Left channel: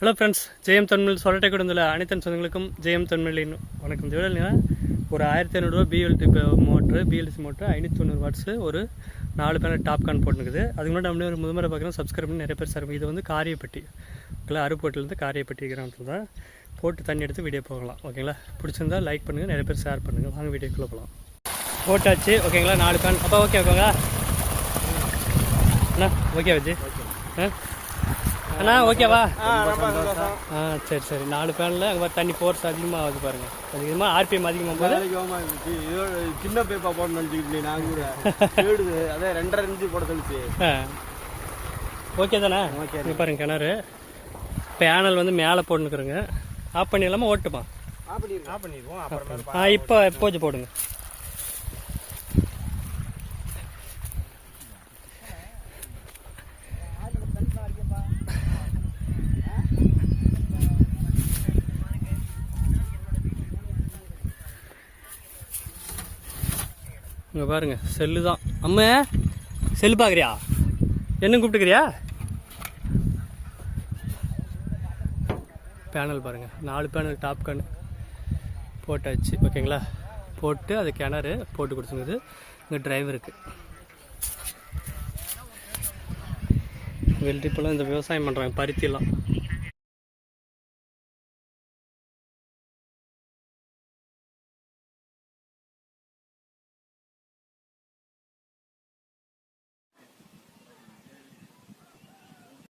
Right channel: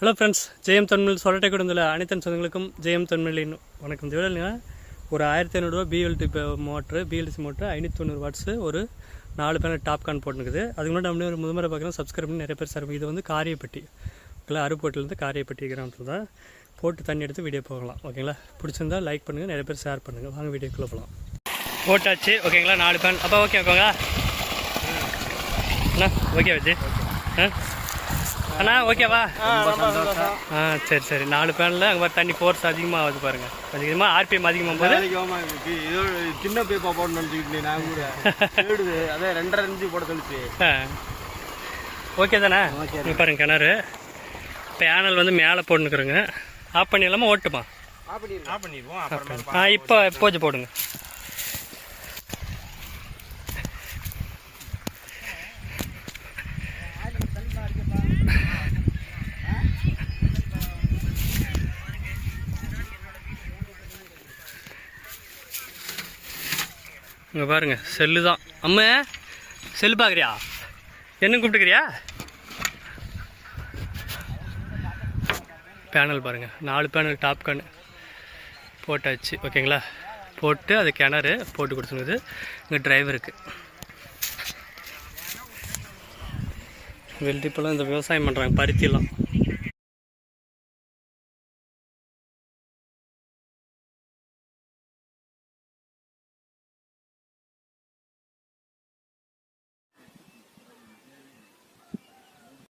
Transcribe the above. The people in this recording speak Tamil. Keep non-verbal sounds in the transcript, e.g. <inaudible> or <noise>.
ஹலோ ஃப்ரெண்ட்ஸ் ஜெயம் தொன்மில் சொல்லட்டை கொடுந்துள்ள அனைத்து சொந்தங்களுக்கும் ஜெயம் தொன்மிலின் வணக்கம் ஜுவலினா ஒரு ஆயிரத்தி ஐநூறுரூவா பிஎல்டி மோட்ரு பிஎல்சி மோட்ரு ஐநூற்றி தொண்ணூறு வாட்ஸு ஒரு நாலு பேனல் டாப் கான் போட்டுருக்குது அதுக்கு முன்னாடி நம்மளே ஒரு முதமுறை பார்க்குறோம் சப்ஸ்கிரைப் பண்ணி நிறைய பேர் சார் இது வந்து காரியப்பட்டி ஓகேங்களா? அருப்போட்டிலேருந்து காரியப்பட்டி கிராமத்தில் தான் போட்டு தண்ணி எடுத்து வீடியோ போகலாம் ஓகேங்களா? பிடிச்சிருந்தா லைக் பண்ணுங்கள் நிறைய பேர் ஷேர் பண்ணுங்கள் வாங்க வீடியோக்குள்ளே போகலாம் போட்டாச்சு ஓகேங்களா? நாலு பேன் அப்போ ஓகே ஓகேங்களா? அண்ணா ஓகே வச்சு ஆ? அண்ணா ஓகேவா? ஆ சரி சரி. நாலு பேனில் அங்கே தண்ணி ஃபோர்ஸ் அதிகமாக ஆகுது பாருங்க அதிகமாக ஆர்பிஎம் அதிகமாக போது சின்ன பேப்பா போடணும்னு நினச்சிக்கிட்டு நான் கூட. <laughs> வீடுது அதான் ரெண்டரை இன்ச்சு போட சொல்லிச்சு. ஆ. ஓகே தானே? ஓகே. இங்கே பாருங்க கிணறு. பேனல் வந்து மேலே போட்டுருக்குறோங்க ஆஃப் பண்ணிடலாமா ஓட்டுமா ஆஃப் பண்ணிடுவோம். ஆஃப் பண்ணி ஆ இப்போ எப்போச்சு போடுங்க? இங்கே பாருங்கள் செல்லு தான். அம்மா செல்லு பார்க்குறியா என்ன கூப்பிட்டுக்கிறியா? பேனல் பாருங்கள் நாலு பேனல் டாப் கன் போட்டாச்சு ஓகேங்களா? போட்டு அது கிணறு போட்டு கொடுத்துருந்தது. இங்கே டிரைவருக்கு வெள்ளரிப்பெல்லாம் இந்த விவசாயம் பண்ணுறாங்க பருத்திலாம்.